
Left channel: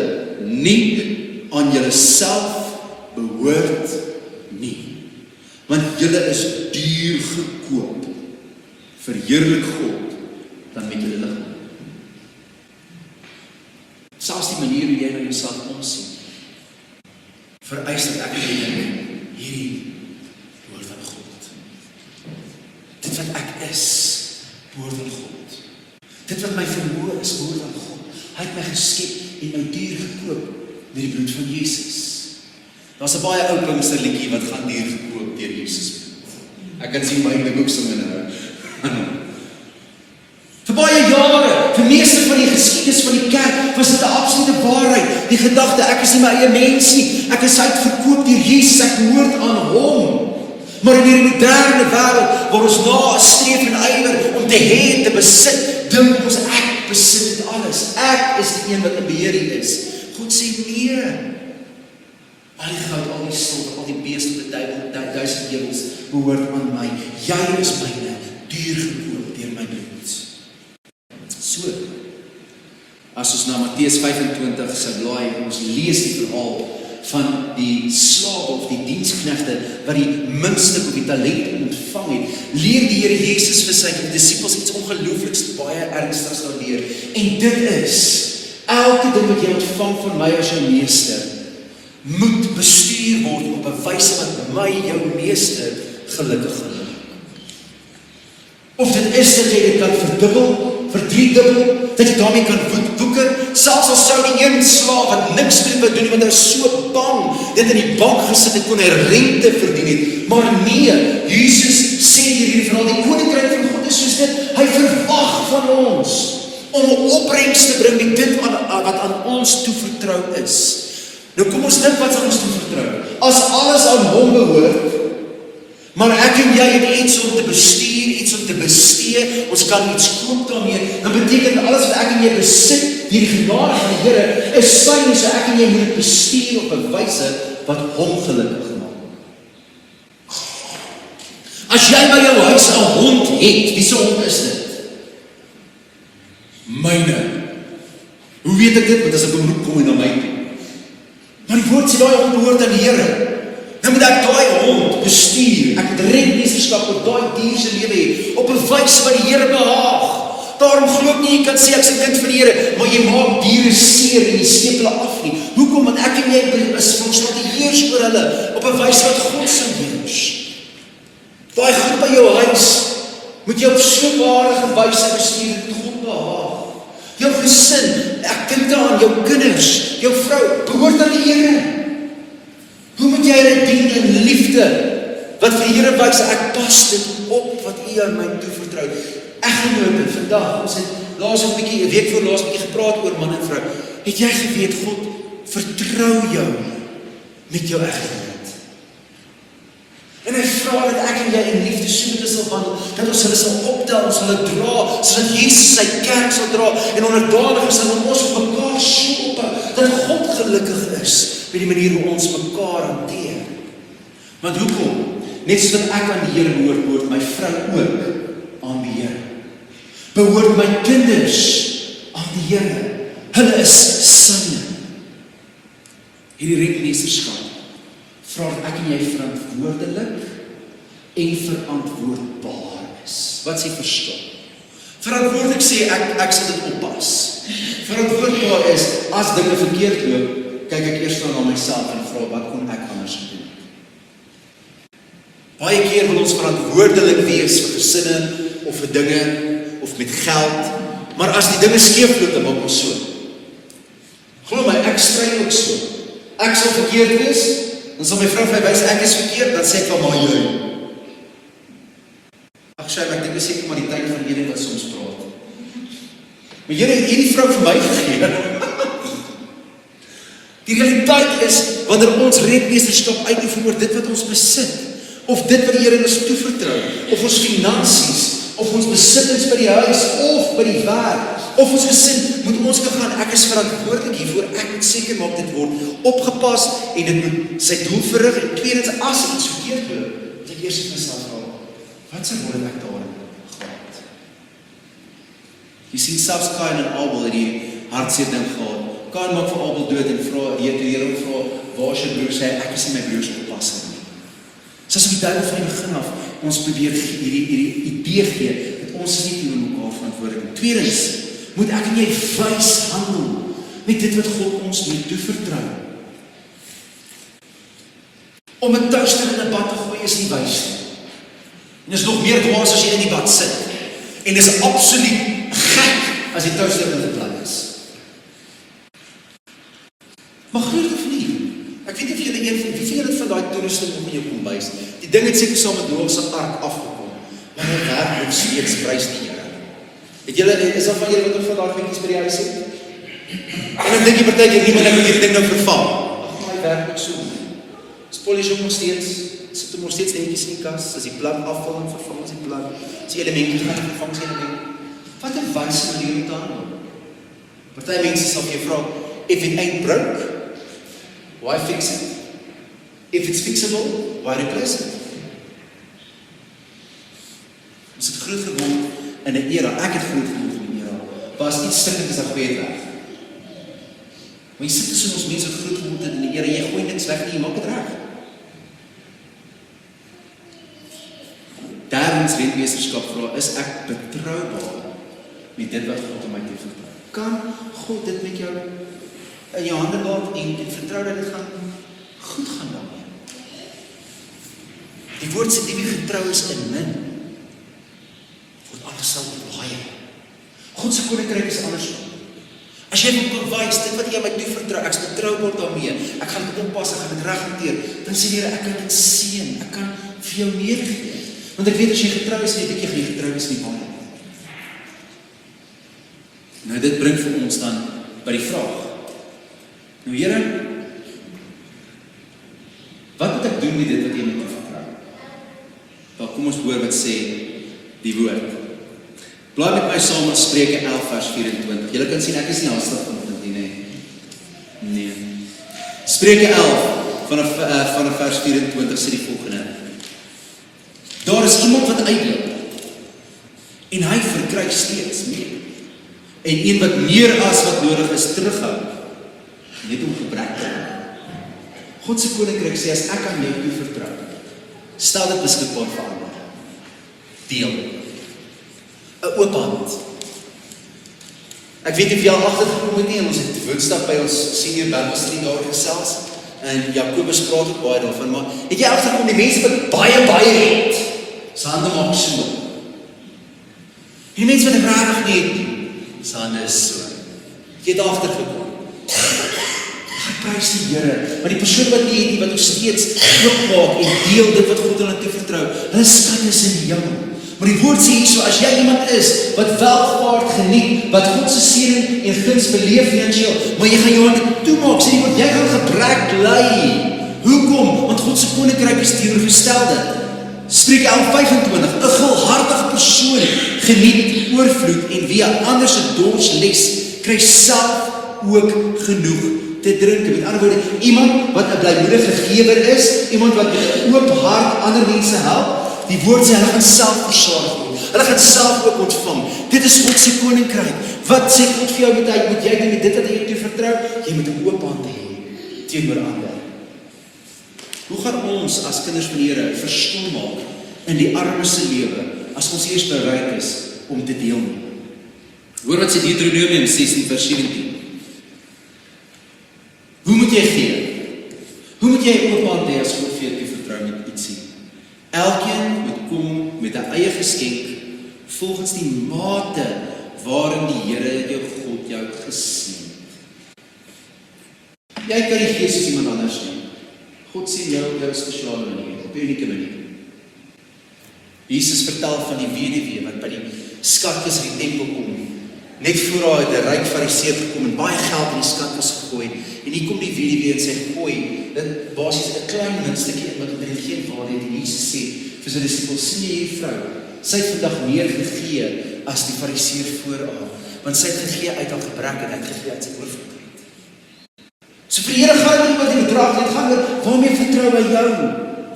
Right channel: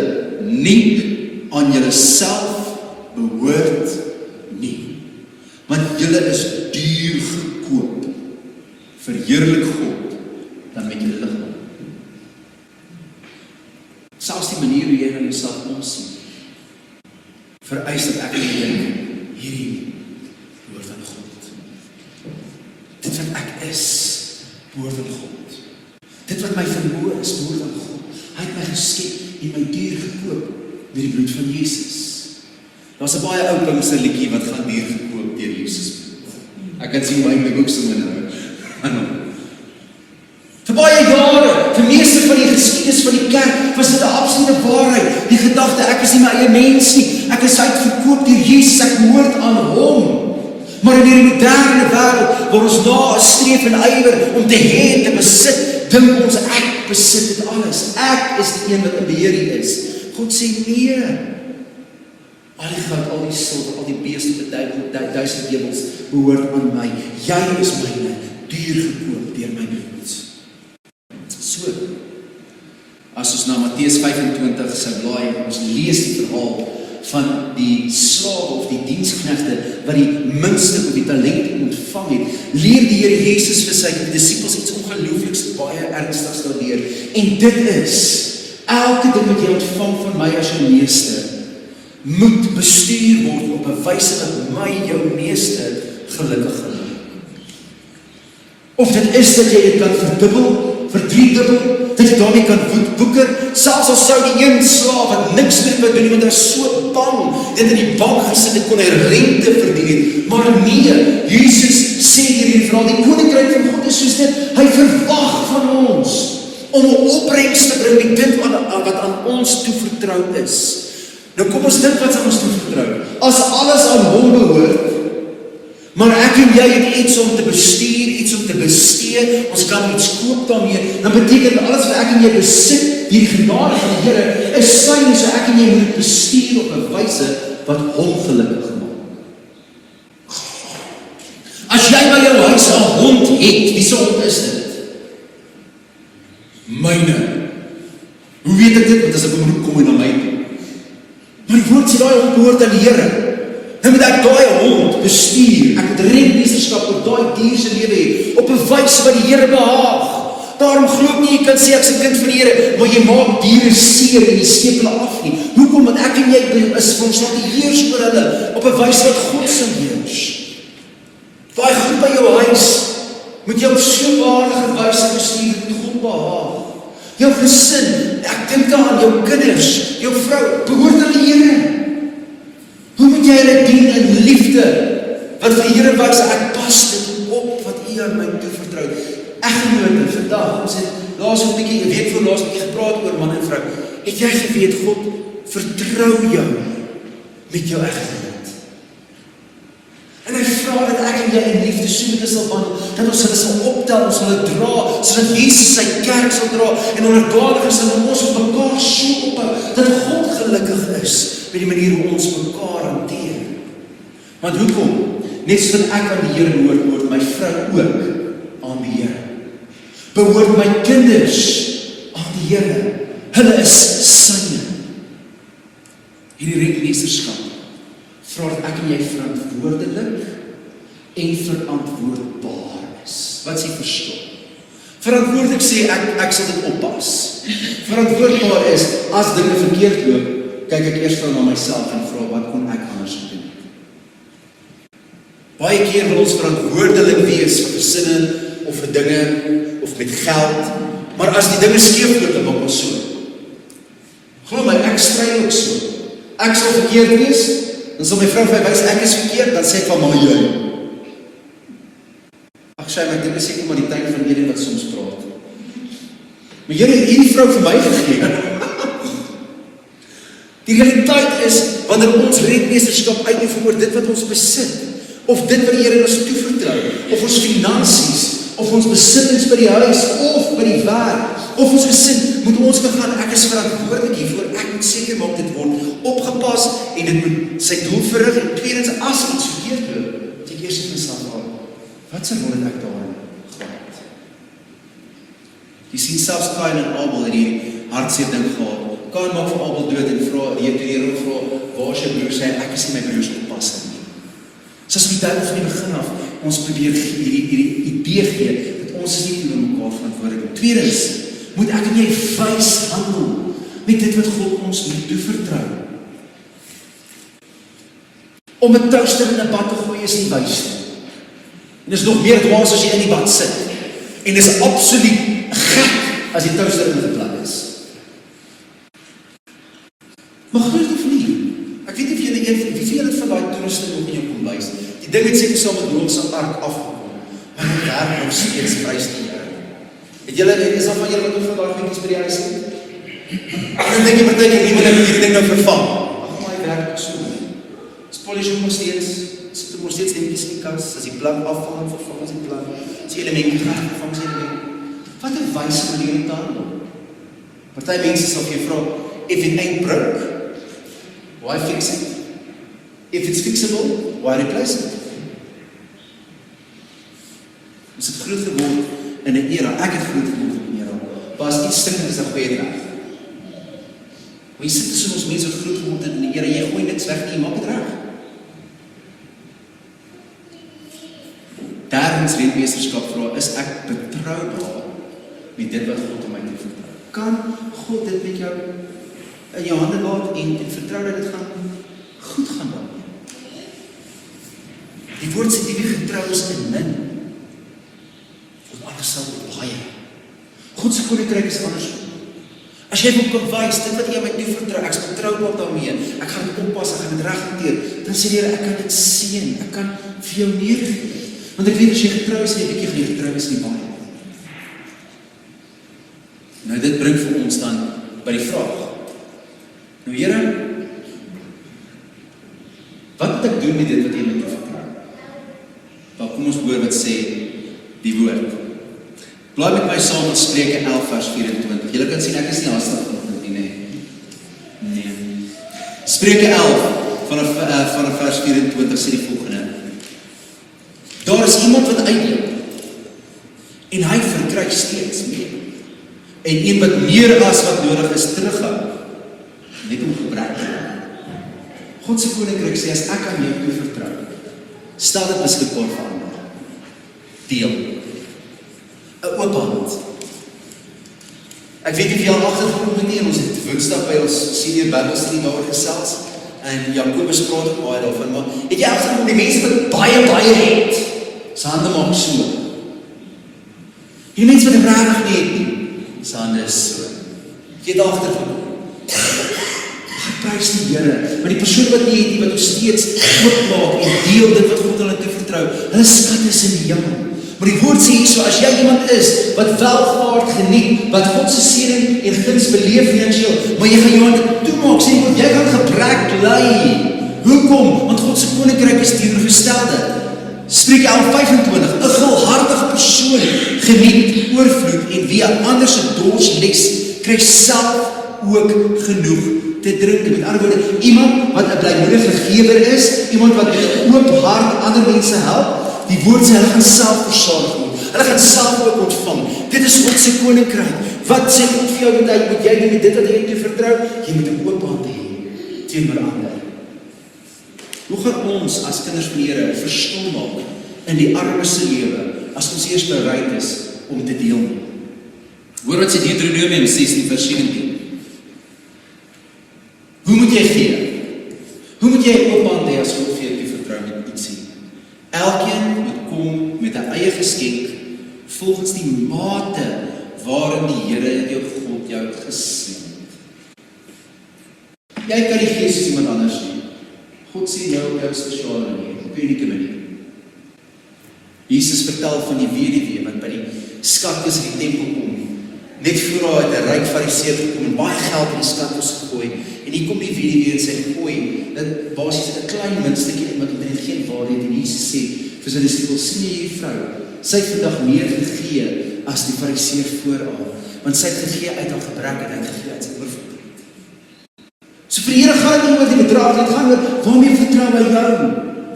nie aan julleself behoort nie, want julle is duur gekoop. Verheerlik God dan met julle liggaam. Selfs die manier hoe jy na jouself omsien, vereis dat ek en jy hierdie behoort aan God. Dit wat ek is, behoort aan God. Dit wat my vermoë is, behoort aan God. Hy het my geskep en my duur gekoop met die bloed van Jesus. Daar's 'n baie ou Pinkster liedjie wat gaan duur gekoop deur Jesus. Ek kan sien my boek se minne nou. Vir baie jare, vir meeste van die geskiedenis van die kerk, was dit 'n absolute waarheid. Die gedagte, ek is nie my eie mens nie, ek is uitverkoop deur Jesus, ek behoort aan hom. Maar in die moderne wêreld, waar ons nastreef en ywer om te hê en te besit, dink ons ek besit dit alles. Ek is die een wat in beheer hier is. God sê nee. Al die goud, al die silwer, al die beeste, die 1000 ewels behoort aan my. Jy is myne, duur gekoop deur my bloed. So, as ons na Matteus 25 se blaai, ons lees die verhaal van die slawe of die diensknegte wat die minste op die talente ontvang het, leer die Here Jesus vir sy disippels iets ongeloofliks baie ernstigs daardeur. En dit is, elke ding wat jy ontvang van my as jou meester, moet bestuur word op 'n wyse wat my jou meester gelukkig maak. Of dit is dat jy dit kan verdubbel, verdriedubbel, dat jy daarmee kan boeker, selfs as sou die een slaaf wat niks meer moet doen, want hy is so bang, dat in die bank gesit het, kon hy rente verdien het. Maar nee, Jesus sê hier in die verhaal, die koninkryk van God is soos dit, hy verwag van ons, om 'n opbrengs te bring met dit wat aan ons toevertrou is. Nou kom ons dink wat aan ons toevertrou. As alles aan hom behoort, maar ek en jy het iets om te bestuur, iets om te bestee, ons kan iets koop daarmee, dan beteken alles wat ek en jy besit, die genade van die Here, is syne, so ek en jy moet bestuur op 'n wyse wat hom gelukkig maak. As jy by jou huis 'n hond het, wie se hond is dit? Myne. Hoe weet ek dit? Want as 'n beroep kom hy na my toe. Maar die woord sê daai hond behoort aan die Here. Nou moet ek daai hond bestuur, ek moet rentmeesterskap op daai dier se lewe hê, op 'n wyse wat die Here behaag. Daarom glo ek nie jy kan sê ek's 'n kind van die Here, maar jy maak diere seer en jy steek hulle af nie. Hoekom? Want ek en jy is ons wat heers oor hulle op 'n wyse wat God sal heers. Daai goed by jou huis moet jy op so 'n aardige wyse bestuur dat God behaag. Jou gesin, ek dink aan jou kinders, jou vrou, behoort aan die Here. Hoe moet jy hulle dien in liefde? Wat vir die Here wys, ek pas dit op wat U aan my toevertrou. Eggenoot vandag, ons het laas 'n bietjie, 'n week voor laas 'n bietjie gepraat oor man en vrou. Het jy geweet God vertrou jou met jou eggenoot? En hy vra dat ek en jy in liefde so sal wandel, dat ons hulle sal optel, ons hulle dra, sodat Jesus sy kerk sal dra, en onderdanig is dat ons op mekaar so ophou, dat God gelukkig is met die manier hoe ons mekaar hanteer. Want hoekom? Net soos ek aan die Here behoort my vrou ook aan die Here. Behoort my kinders aan die Here. Hulle is syne. Hierdie rentmeesterskap vra dat ek en jy verantwoordelik en verantwoordbaar is. Wat is die verskil? Verantwoordelik sê ek sal dit oppas. Verantwoordbaar is, as dinge verkeerd loop, kyk ek eers na myself en vra wat kon ek anders doen. Baie keer wil ons verantwoordelik wees vir gesinne of vir dinge of met geld, maar as die dinge skeefloop, dan maak ons so. Glo my, ek stry ook so. Ek sal verkeerd wees, dan sal my vrou vir my wys ek is verkeerd, dan sê ek van mama jy. Ag sy, ek dink is seker maar die tyd van hierdie wat soms praat. Maar Here het hierdie vrou vir my gegee. Die realiteit is, wanneer ons rentmeesterskap uitoefen oor dit wat ons besit, of dit wat die Here ons toevertrou, of ons finansies, of ons besittings by die huis, of by die werk, of ons gesin, moet ons gaan, ek is verantwoordelik hiervoor, ek moet seker maak dit word opgepas, en dit moet sy doel verrig, en tweedens, as iets verkeerd loop, die eerste myself gaan, wat sy word ek daarin gehad? Jy sien selfs Kain en Abel het die hartseer ding gehad. Kain maak vir Abel dood en vra, die Here vra, waar is jou broer? Sê, ek is nie my broers oppas nie. Soos die tyd van die begin af, ons probeer hierdie idee gee, dat ons nie vir mekaar verantwoordelik is. Tweedens, moet ek en jy wys handel, met dit wat God ons moet toevertrou. Om 'n toaster in 'n bad te gooi is nie wys nie. En dis nog meer dwaas as jy in die bad sit. En dis absoluut gek as die toaster in die plat is. Maar glo dit of nie? Ek weet nie of julle wie vir julle van daai toerusting op in jou kombuis. Die ding het seker saam met Noag se ark afgekom. Maar hy werk nog steeds prysgeword. Het julle is al van julle wat van daai dingetjies by die huis het? Ek dink jy partykeer nie, maar ek moet die ding nou vervang. Ag, hy werk ook so. Polish hom steeds, sit hom steeds netjies in die kas, as die plan afval, vervang as die plan, as die elemente gaan vervang as die elemente. Wat 'n wys manier om te handel. Party mense sal vir jou vra, if it ain't broke, why fix it? If it's fixable, why replace it? ek het groot geword in die Here. Maar as iets stuk is, dan gooi het weg. Maar jy sit tussen ons mense wat groot geword het in die Here, jy gooi niks weg, jy maak het reg. Derdens rentmeesterskap vra, is ek betroubaar met dit wat God aan my te vertrou? Kan God dit met jou in jou hande laat en vertrou dat dit gaan goed gaan daarmee? Die woord sê die wie getrou is in min, word alles sal baie. God se koninkryk is anders. As jy moet kan wys, dit wat jy my toe vertrou, ek is betroubaar daarmee, ek gaan dit oppas, ek gaan dit reg hanteer, dan sê die Here, ek kan dit seën, ek kan vir jou meer gee. Want ek weet as jy getrou is nie, ek jy getrou is nie waar. Nou dit bring vir ons dan by die vraag. Nou Here, wat moet ek doen met dit wat jy met my vertrou? Nou kom ons hoor wat sê die woord. Bly met my saam in Spreuke 11 vers 24. Julle kan sien ek is nie haastig vanoggend nie. Nee. Spreuke 11 vanaf vers 24 sê die volgende. Daar is iemand wat uitloop en hy verkry steeds meer. En een wat meer as wat nodig is terughou, net om gebrek te hê. God se koninkryk sê as ek aan jou toe vertrou, stel dit beskikbaar vir ander. Deel. 'n Oop hand. Ek weet nie of julle agtergekom het nie, ons het Woensdag by ons senior Bybelstudie daar gesels en Jakobus praat ook baie daarvan, maar het jy agtergekom die mense wat baie het, se hande maak so. Die mense wat regtig nie het nie, se hande is so. Jy het agtergekom. Prys die Here, maar die persoon wat nie het nie, wat ons steeds oopmaak en deel dit wat God hulle te vertrou, hulle skat is in die hemel. Maar die woord sê so, as jy iemand is wat welvaart geniet, wat God se seëning en guns beleef finansiëel, maar jy gaan jou hande toemaak, sê want jy gaan gebrek ly. Hoekom? Want God se koninkryk is teenoorgestelde. Spreuke 11:25, 'n gulhartige persoon geniet oorvloed en wie 'n ander se dors les, kry self ook genoeg te drink. Met ander woorde, iemand wat 'n blymoedige gewer is, iemand wat met 'n oop hart ander mense help, die woord sê hulle gaan self versorg word. Hulle gaan self ook ontvang. Dit is God se koninkryk. Wat sê God vir jou moet jy doen met dit wat jy te vertrou? Jy moet 'n oop hand hê teenoor ander. Hoe gaan ons as kinders van die Here verskil maak in die armes se lewe as ons eers bereid is om te deel? Hoor wat sê Deuteronomium 16 vers 17. Hoe moet jy gee? Hoe moet jy 'n oop hand hê as God vir jou vertrou met ietsie? Elkeen moet kom met 'n eie geskenk volgens die mate waarin die Here jou God jou geseën het. Jy kan nie gee soos iemand anders nie. God sê jou op 'n spesiale manier, op 'n unieke manier. Jesus vertel van die weduwee wat by die skatkis in die tempel kom. Net voor haar het 'n ryk fariseer gekom en baie geld in die skatkis gegooi. En hier kom die weduwee en sê gooi, dit basies 'n klein muntstukkie wat dit geen waarde het. En Jesus sê vir sy disippels, sien jy hierdie vrou? Sy het vandag meer gegee as die fariseer voor haar, want sy het gegee uit haar gebrek en uit gegee uit sy oorvloed. So vir die Here gaan dit nie oor die bedrag, dit gaan oor waarmee vertrou hy jou,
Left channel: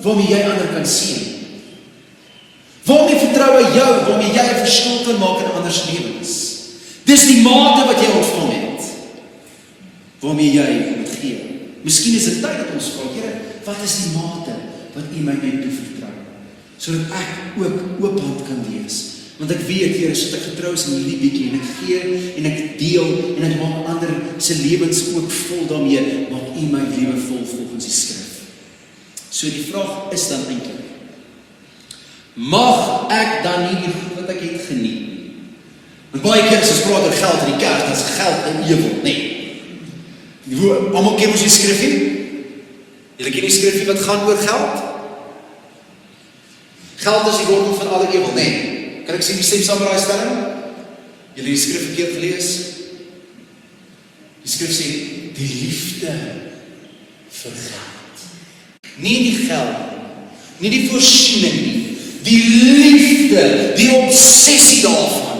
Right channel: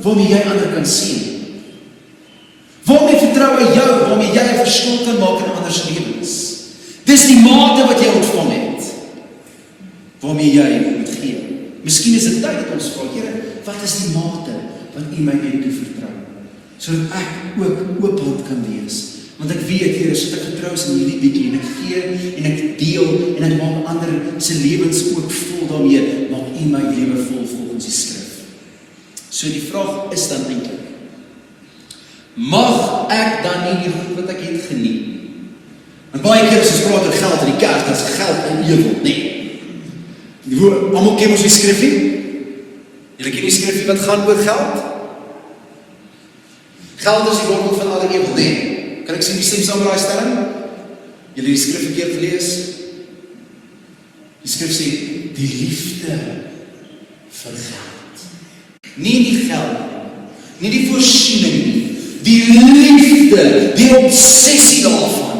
waarmee jy ander kan sien. Waarmee vertrou hy jou, waarmee jy 'n verskil kan maak in ander se lewens. Dis die mate wat jy ontvang het, waarmee jy moet gee. Miskien is dit tyd dat ons vra, Here, wat is die mate wat U my toe vertrou, sodat ek ook oophand kan wees. Want ek weet, Here, as ek getrou is in hierdie bietjie en ek gee en ek deel en ek maak ander se lewens ook vol daarmee, maak U my lewe vol volgens die skrif. So die vraag is dan eintlik, mag ek dan nie die goed wat ek het geniet? En baie keer as ons praat oor geld in die kerk, dit is geld en ewel, nee. Almal ken ons die skrifgie? Julle ken die skrifgie wat gaan oor geld? Geld is die wortel van alle ewel, nee. Kan ek sien wie sê saam daai stelling? Julle die skrif verkeerd gelees? Die skrif sê die liefde vir geld. Nie die geld, nie die voorsiening nie, die liefde, die obsessie daarvan,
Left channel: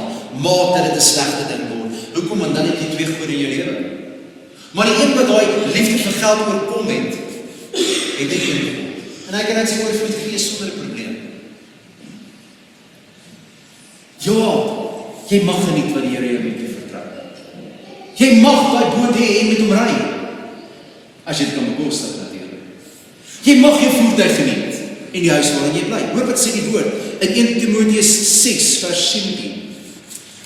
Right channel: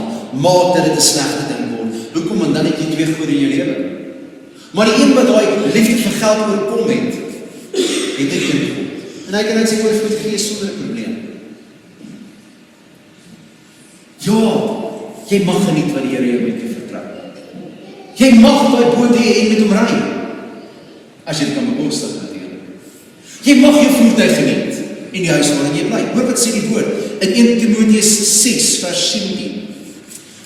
maak dat dit 'n slegte ding word. Hoekom? Want dan het jy twee goede in jou lewe. Maar die een wat daai liefde vir geld oorkom het, het dit nie. En hy kan net sy oorvloed gee sonder 'n probleem. Ja, Jy mag geniet wat die Here jou mee te vertrou. Jy mag daai boot hê en met hom ry. As jy dit kan bekostig natuurlik. Jy mag jou voertuig geniet en die huis waarin jy bly. Hoor wat sê die woord in 1 Timoteus 6 vers 17.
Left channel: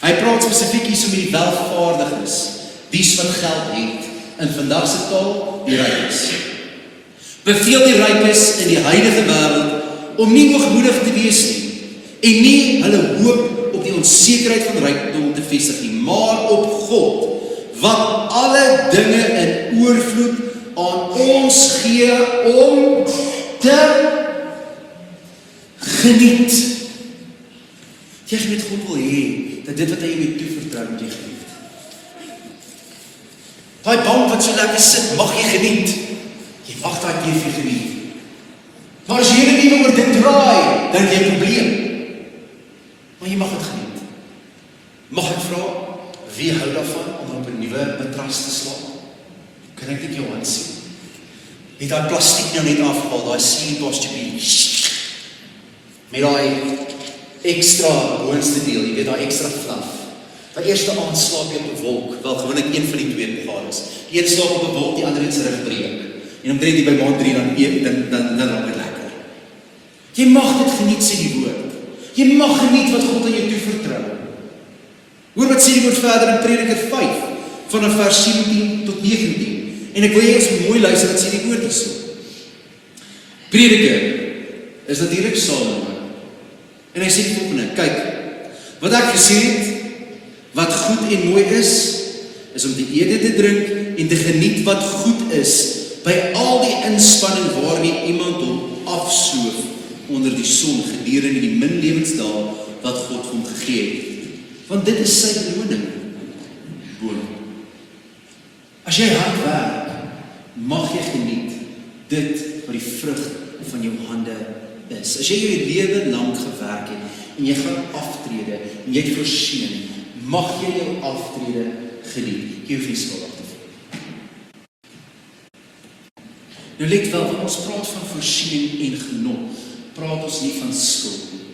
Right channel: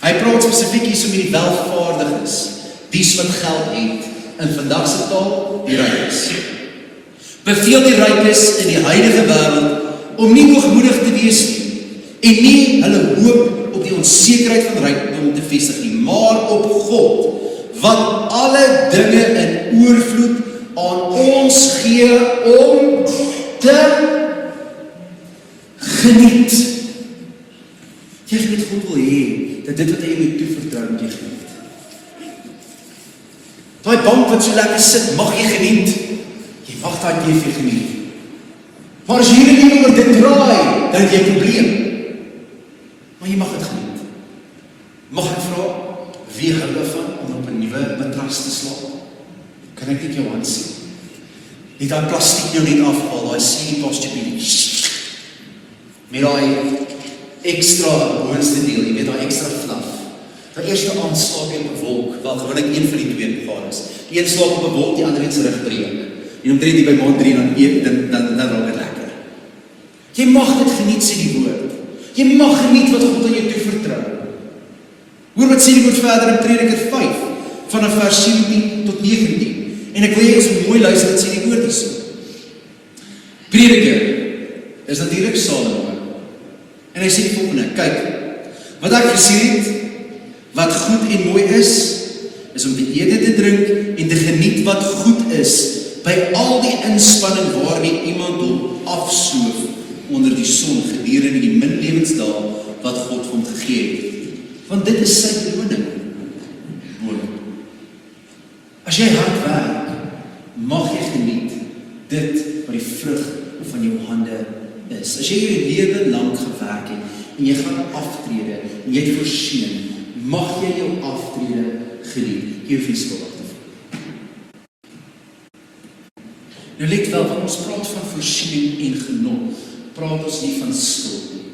Hy praat spesifiek hier so met die welvaardiges, dies wat geld het, in vandag se taal, die rykes. Beveel die rykes in die huidige wêreld om nie hoogmoedig te wees nie, en nie hulle hoop op die onsekerheid van rykdom te vestig nie, maar op God, wat alle dinge in oorvloed aan ons gee om te geniet. Jy geniet God wil hê, dat dit wat hy jou toevertrou moet jy geniet. Daai bank wat so lekker sit, mag jy geniet. Jy mag daai TV geniet. Maar as jy nie oor dit draai, dan het jy 'n probleem. Maar jy mag dit geniet. Mag ek vra, wie gaan daarvan om op 'n nuwe matras te slaap? Kan ek dit jou hand sien? Nie daai plastiek nou net afhaal, daai sleep posture met daai extra boonste deel, jy weet daai extra vanaf. Dat eerste aand slaap jy op 'n wolk, wel gewoonlik een van die twee begaanings. Die een slaap op 'n wolk, die ander in sy rug breek. En omtrent die by maand 3 dan raak dit lekker. Jy mag dit geniet, sê die woord. Jy mag geniet wat God aan jou toe vertrou. Hoor wat sê die woord verder in Prediker 5, vanaf vers 17 tot 19. En ek wil jy ons mooi luister wat sê die woord hierso. Prediker is natuurlik Salomo. En hy sê die volgende, kyk, wat ek gesien het, wat goed en mooi is om die ede te drink en te geniet wat goed is, by al die inspanning waarmee iemand hom afsoof onder die son gedurende die min lewensdae wat God vir hom gegee het. Want dit is sy beloning. As jy hard werk, mag jy geniet dit wat die vrug van jou hande is. As jy jou lewe lank gewerk het en jy gaan aftrede en jy het voorsien, mag jy jou aftrede geniet. Jy hoef nie skuldig te voel. Nou let wel, wanneer ons praat van voorsiening en genot, praat ons nie van skuld nie.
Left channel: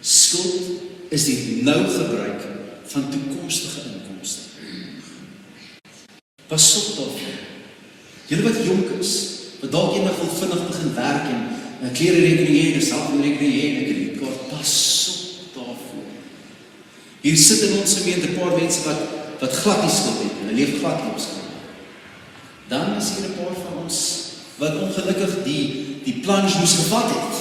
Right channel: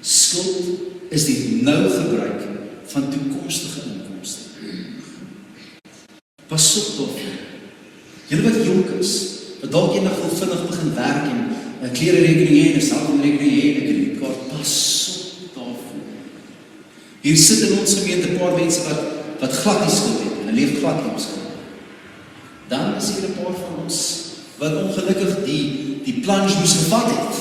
Skuld is die nou gebruik van toekomstige inkomste. Pas op daarvoor. Julle wat jonk is, wat dalk eendag wil vinnig begin werk en 'n klererekening hê en 'n sakerekening hê en 'n kredietkaart, pas op daarvoor. Hier sit in ons gemeente 'n paar mense wat glad nie skuld het, hulle leef glad nie op skuld. Dan is hier 'n paar van ons wat ongelukkig die plunge moes gevat het.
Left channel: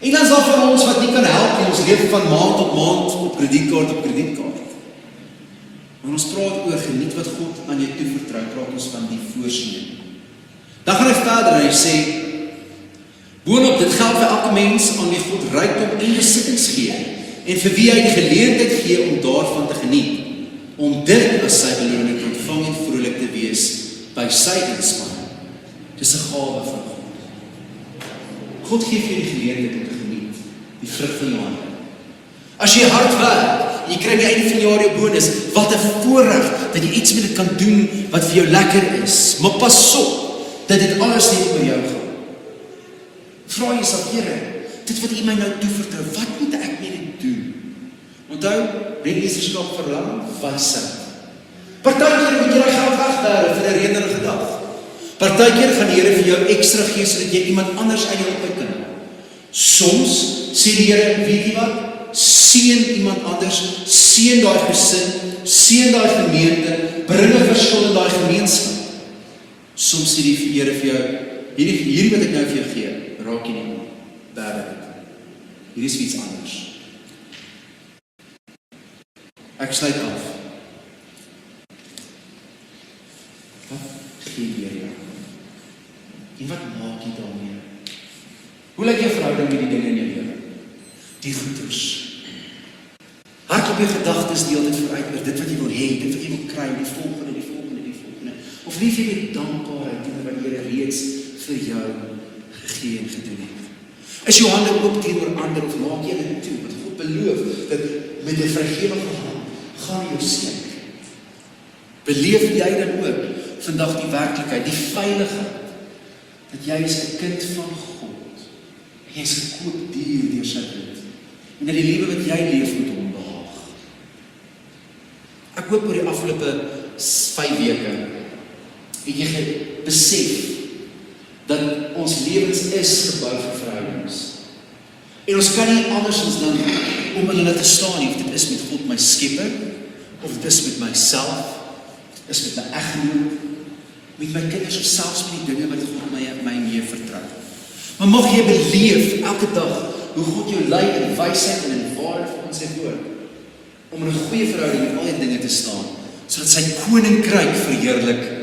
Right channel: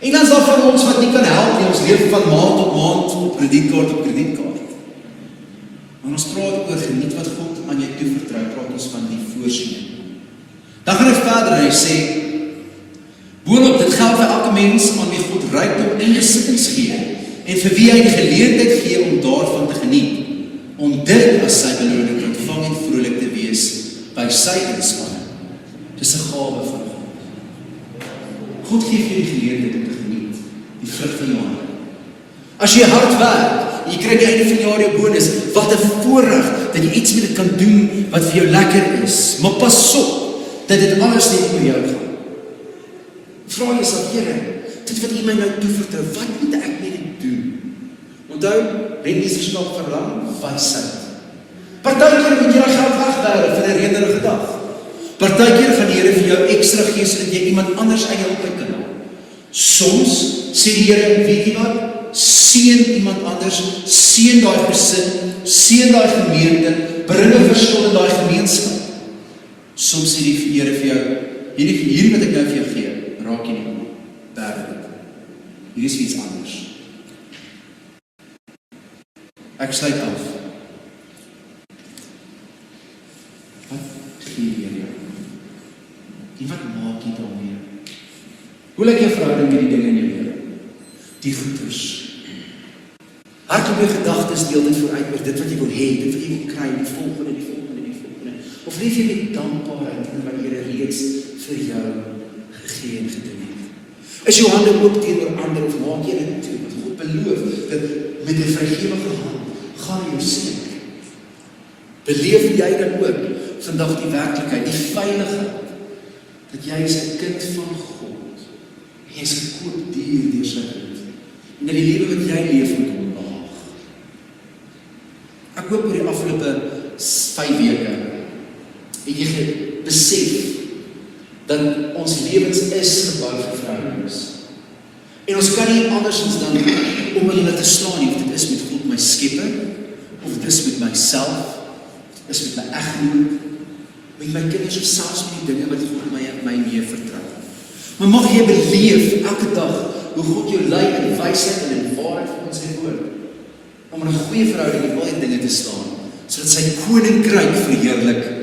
En dan is daar van ons wat nie kan help nie, ons leef van maand op maand op kredietkaart op kredietkaart. En ons praat oor geniet wat God aan jou toevertrou, praat ons van die voorsiening. Dan gaan hy verder en hy sê, boonop dit geld vir elke mens aan wie God rykdom en besittings gee, en vir wie hy die geleentheid gee om daarvan te geniet, om dit as sy beloning te ontvang en vrolik te wees by sy inspanning. Dis 'n gawe van God. God gee vir die geleentheid om te geniet, die vrug van jou hande. As jy hard werk, jy kry die einde van die jaar jou bonus, wat 'n voorreg dat jy iets met dit kan doen wat vir jou lekker is. Maar pas op dat dit alles nie oor jou gaan. Vra jouself, Here, dit wat U my nou toevertrou, wat moet ek met dit doen? Onthou, Rennie se stap verlang vassit. Partykeer moet jy jou geld wegbere vir 'n redelike dag. Partykeer gaan die Here vir jou ekstra gee sodat jy iemand anders aan jou op kan help. Soms sê die Here, weet jy wat? Seën iemand anders, seën daai gesin, seën daai gemeente, bring 'n verskil in daai gemeenskap. Soms sê die Here vir jou, hierdie wat ek nou vir jou gee, raak jy nie werklik. Hier is iets anders. Ek sluit af. Wat gee jy jou? En wat maak jy daarmee? Hoe lyk jou verhouding met die dinge in jou lewe? Die goeders. Hardloop jou gedagtes deel dit vooruit oor dit wat jy wil hê, dit wat jy wil kry, die volgende. Of leef jy met dankbaarheid en wat jy reeds vir jou gegee en gedoen het? Is jou hande oop teenoor ander of maak jy dit toe? Want God beloof dat met die vergewende hand gaan jy seën. Beleef jy dan ook vandag die werklikheid, die veiligheid, dat jy is 'n kind van God. Jy is gekoop deur sy bloed. En in die lewe wat jy leef met hom laag. hoop oor die afgelope 5 weke het jy besef dat ons lewens is 'n baie van verhoudings. En ons kan nie andersins dan om in dit te staan nie, of dit is met God my skepper, of dit is met myself, is met my eggenoot, met my kinders, of selfs met die dinge wat God my mee vertrou. Maar mag jy beleef elke dag hoe God jou lei in wysheid en in waarheid van sy woord, om in 'n goeie verhouding met al die dinge te staan, sodat sy koninkryk verheerlik